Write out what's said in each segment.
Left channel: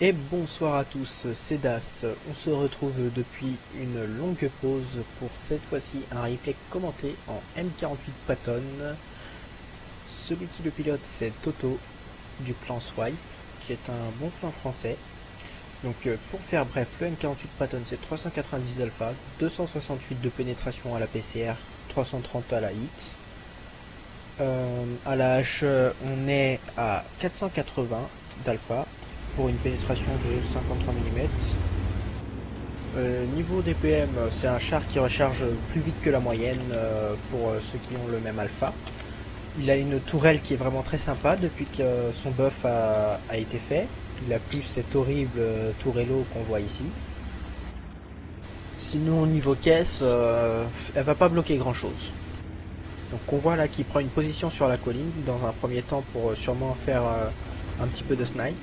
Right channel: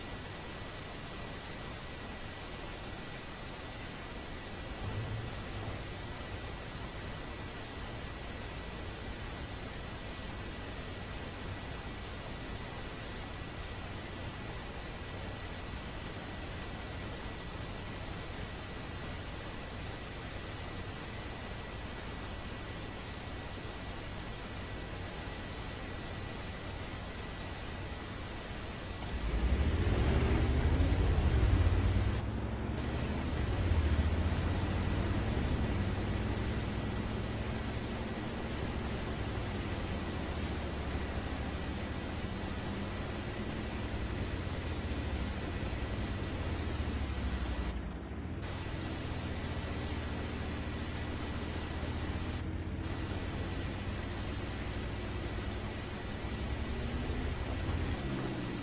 Et bonsoir à tous, c'est Das. On se retrouve depuis une longue pause pour cette fois-ci un replay commenté en M48 Patton. Celui qui le pilote, c'est Toto du clan Swipe, qui est un bon clan français. Donc pour faire bref, le M48 Patton c'est 390 alpha, 268 de pénétration à la PCR, 330 à la hit. À la H, on est à 480 d'alpha pour une pénétration de 53 mm. Niveau DPM, c'est un char qui recharge plus vite que la moyenne pour ceux qui ont le même alpha. Il a une tourelle qui est vraiment très sympa depuis que son buff a été fait. Il a plus cette horrible tourello qu'on voit ici. Sinon au niveau caisse, elle va pas bloquer grand chose. Donc on voit là qu'il prend une position sur la colline dans un premier temps pour sûrement faire un petit peu de snipe.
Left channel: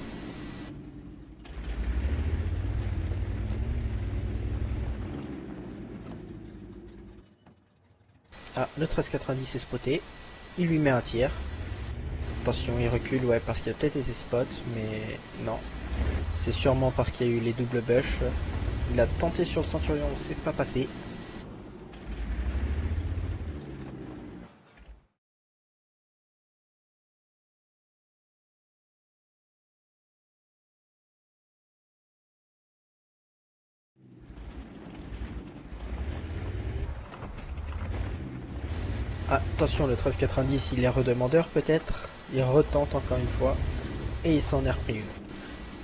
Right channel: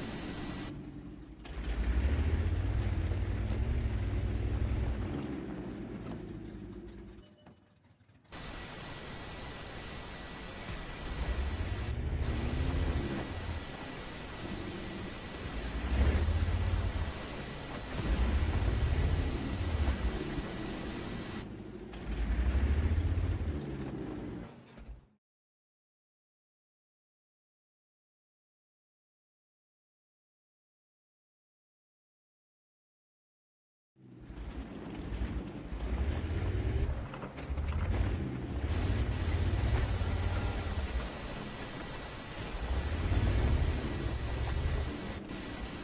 Ah, le 1390 est spoté, il lui met un tir. Attention, il recule, ouais, parce qu'il a peut-être été spot, mais non. C'est sûrement parce qu'il y a eu les doubles bush. Il a tenté sur le Centurion, c'est pas passé. Ah, attention, le 1390, il est redemandeur peut-être. Il retente encore une fois, et il s'en est repris une.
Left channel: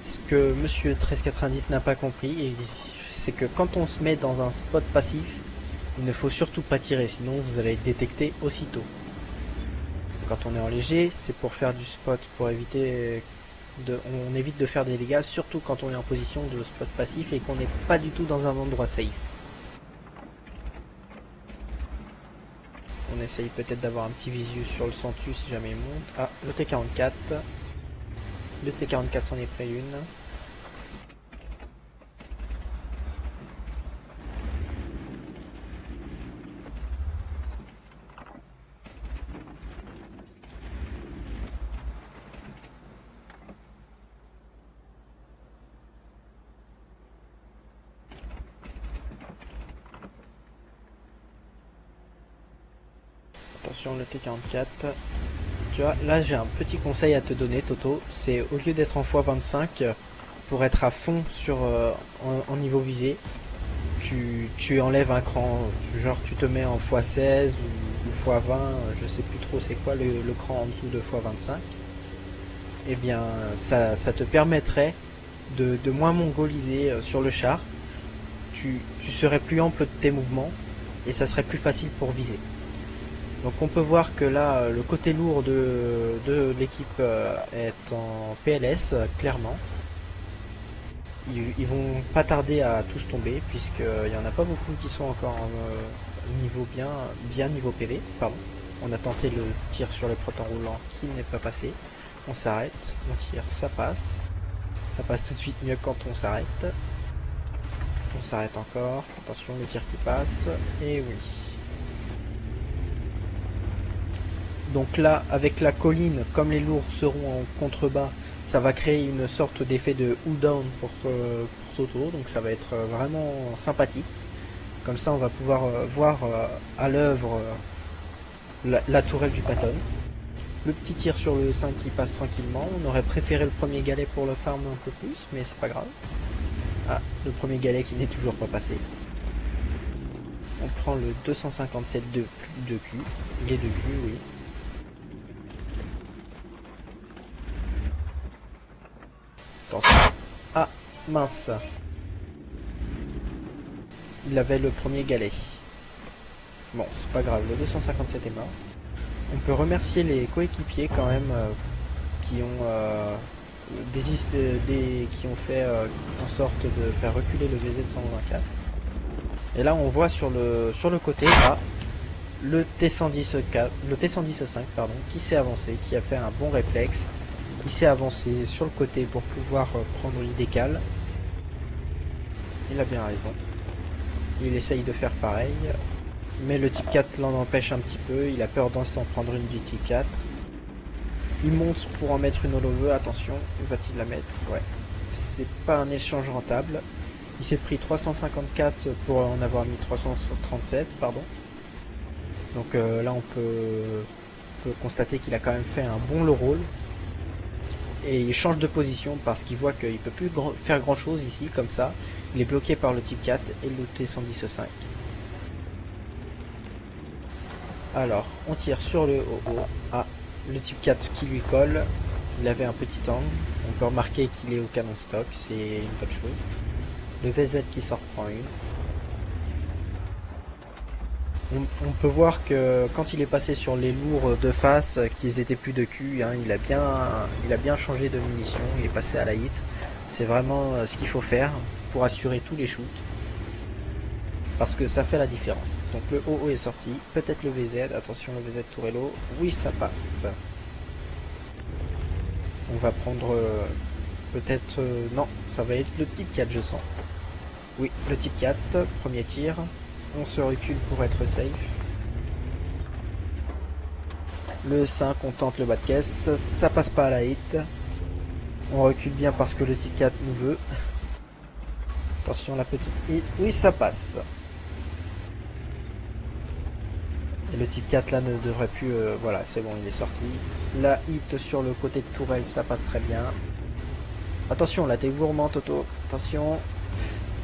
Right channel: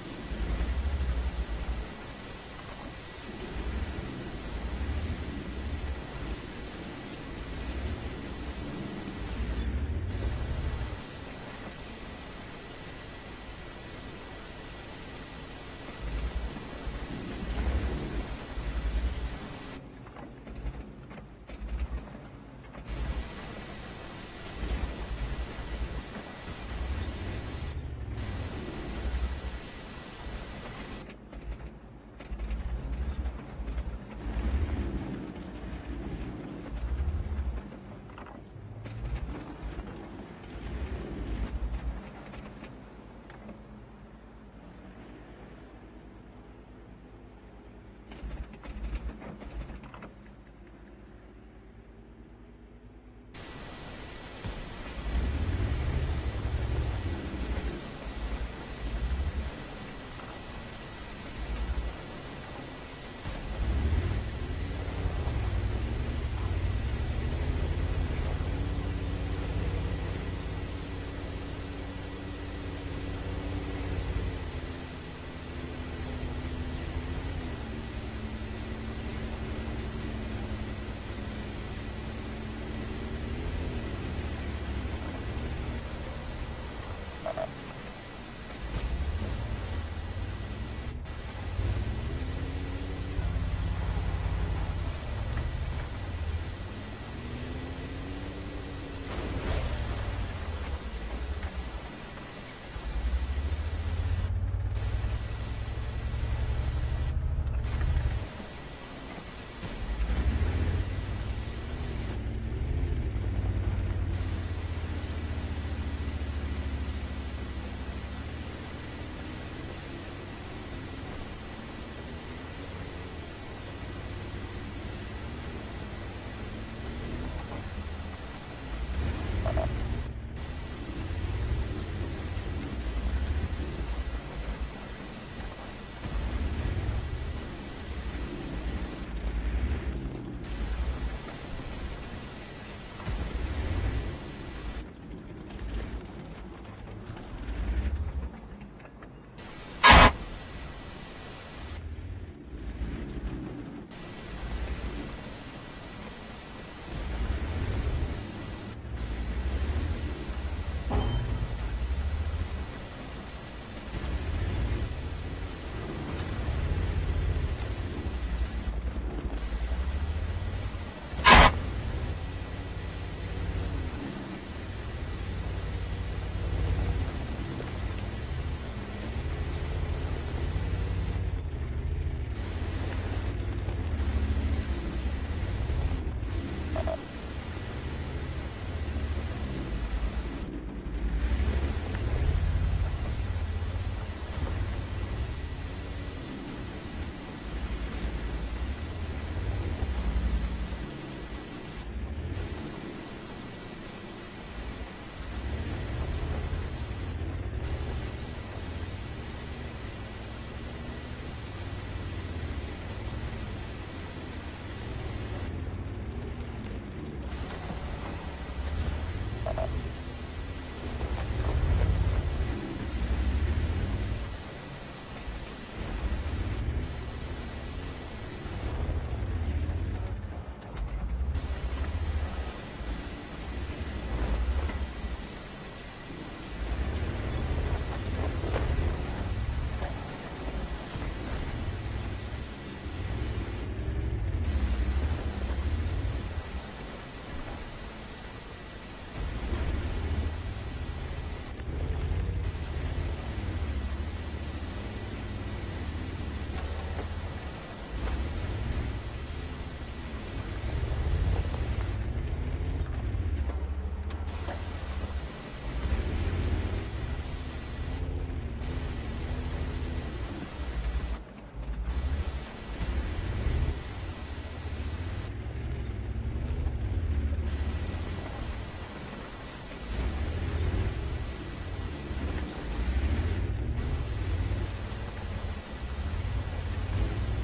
Ce que monsieur 1390 n'a pas compris, c'est que quand on se met dans un spot passif, il ne faut surtout pas tirer, sinon vous allez être détecté aussitôt. Quand on est en léger, c'est pour faire du spot, pour éviter on évite de faire des dégâts, surtout quand on est en position de spot passif et qu'on n'est pas du tout dans un endroit safe. On essaye peut-être d'avoir un petit visu sur le Centus si jamais il monte. Ah, le T44. Le T44 s'en est pris une. Attention, le T44. Tu vois, là j'ai un petit conseil à te donner, Toto. C'est au lieu d'être en x25, pour être à fond sur en niveau visé, tu enlèves un cran. Genre tu te mets en x16 ou x20, je sais plus trop c'est quoi le cran en dessous de x25. Et bien ça te permettrait de moins mongoliser sur le char. Tu serais plus ample de tes mouvements et ça serait plus facile pour viser. Donc on peut voir que là le côté lourd de l'équipe est en PLS clairement. Ils vont pas tarder à tous tomber puisqu'il n'y en a pas beaucoup qui sont encore en niveau bien niveau PV. Pardon. On a tenté le tir sur les protons roulants qui n'est pas passé. On s'arrête, on tire, ça passe. Ça passe tout de suite mieux quand on s'arrête. On s'arrête encore. Attention, le tir qui passe. Et oui. Donc là, avec la colline, comme les lourds seront en contrebas, ça va créer une sorte d'effet de cooldown pour Toto, donc ça va être vraiment sympathique. Comme ça, on va pouvoir voir à l'œuvre la tourelle du Patton. Le petit tir sur le 5 qui passe tranquillement. On aurait préféré le premier galet pour le farm un peu plus, mais c'est pas grave. Ah, le premier galet qui n'est toujours pas passé. On prend le 257 de Q, les deux Q, oui. Ah, mince. Il avait le premier galet. Bon, c'est pas grave, le 257 est mort. On peut remercier les coéquipiers quand même qui ont qui ont fait en sorte de faire reculer le GZ124. Et là on voit sur le côté là le T110-5 pardon, qui s'est avancé, qui a fait un bon réflexe. Il s'est avancé sur le côté pour pouvoir prendre l'idécal. Il a bien raison. Il essaye de faire pareil. Mais le type 4 l'en empêche un petit peu. Il a peur d'en s'en prendre une du type 4. Il monte pour en mettre une holo. Attention, va-t-il la mettre? Ouais. C'est pas un échange rentable. Il s'est pris 354 pour en avoir mis 337, pardon. Donc là on peut constater qu'il a quand même fait un bon low roll. Et il change de position parce qu'il voit qu'il ne peut plus faire grand chose ici, comme ça. Il est bloqué par le type 4 et le T110-5. Alors, on tire sur le haut. Ah, le type 4 qui lui colle. Il avait un petit angle. On peut remarquer qu'il est au canon stock, c'est une bonne chose. Le VZ qui sort prend une. On peut voir que quand il est passé sur les lourds de face, qu'ils étaient plus de cul, hein, il a bien changé de munition, il est passé à la hit. C'est vraiment ce qu'il faut faire pour assurer tous les shoots. Parce que ça fait la différence. Donc le OO est sorti, peut-être le VZ, attention le VZ Tourello, oui ça passe. On va prendre peut-être, non, ça va être le type 4 je sens. Oui, le type 4, premier tir. On se recule pour être safe. Le 5, on tente le bas de caisse. Ça passe pas à la hit. On recule bien parce que le type 4 nous veut. Attention la petite hit. Oui, ça passe. Et le type 4 là ne devrait plus... voilà, c'est bon, il est sorti. La hit sur le côté de tourelle, ça passe très bien. Attention, là, t'es gourmand, Toto. Attention.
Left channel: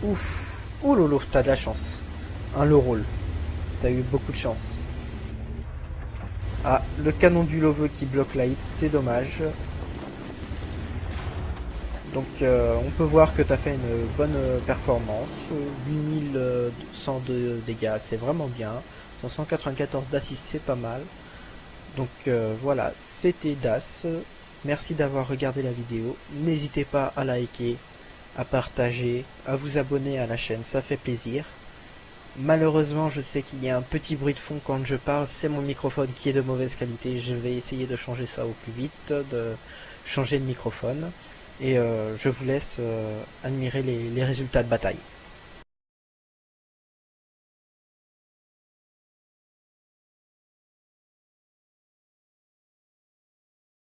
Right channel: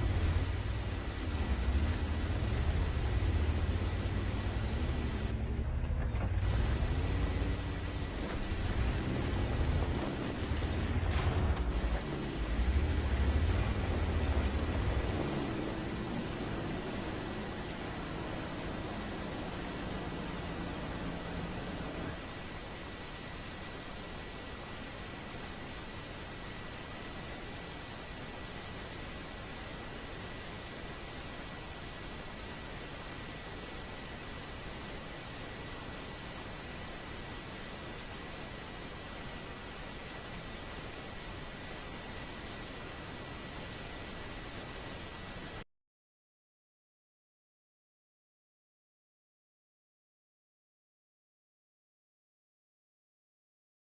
Ouf. Ouh lolo, t'as de la chance. Un low roll. T'as eu beaucoup de chance. Ah, le canon du Loveux qui bloque la hit, c'est dommage. Donc on peut voir que tu as fait une bonne performance. 8100 de dégâts, c'est vraiment bien. 194 d'assist, c'est pas mal. Donc voilà, c'était Das. Merci d'avoir regardé la vidéo. N'hésitez pas à liker, à partager, à vous abonner à la chaîne, ça fait plaisir. Malheureusement, je sais qu'il y a un petit bruit de fond quand je parle, c'est mon microphone qui est de mauvaise qualité. Je vais essayer de changer ça au plus vite, de changer le microphone. Et je vous laisse admirer les résultats de bataille.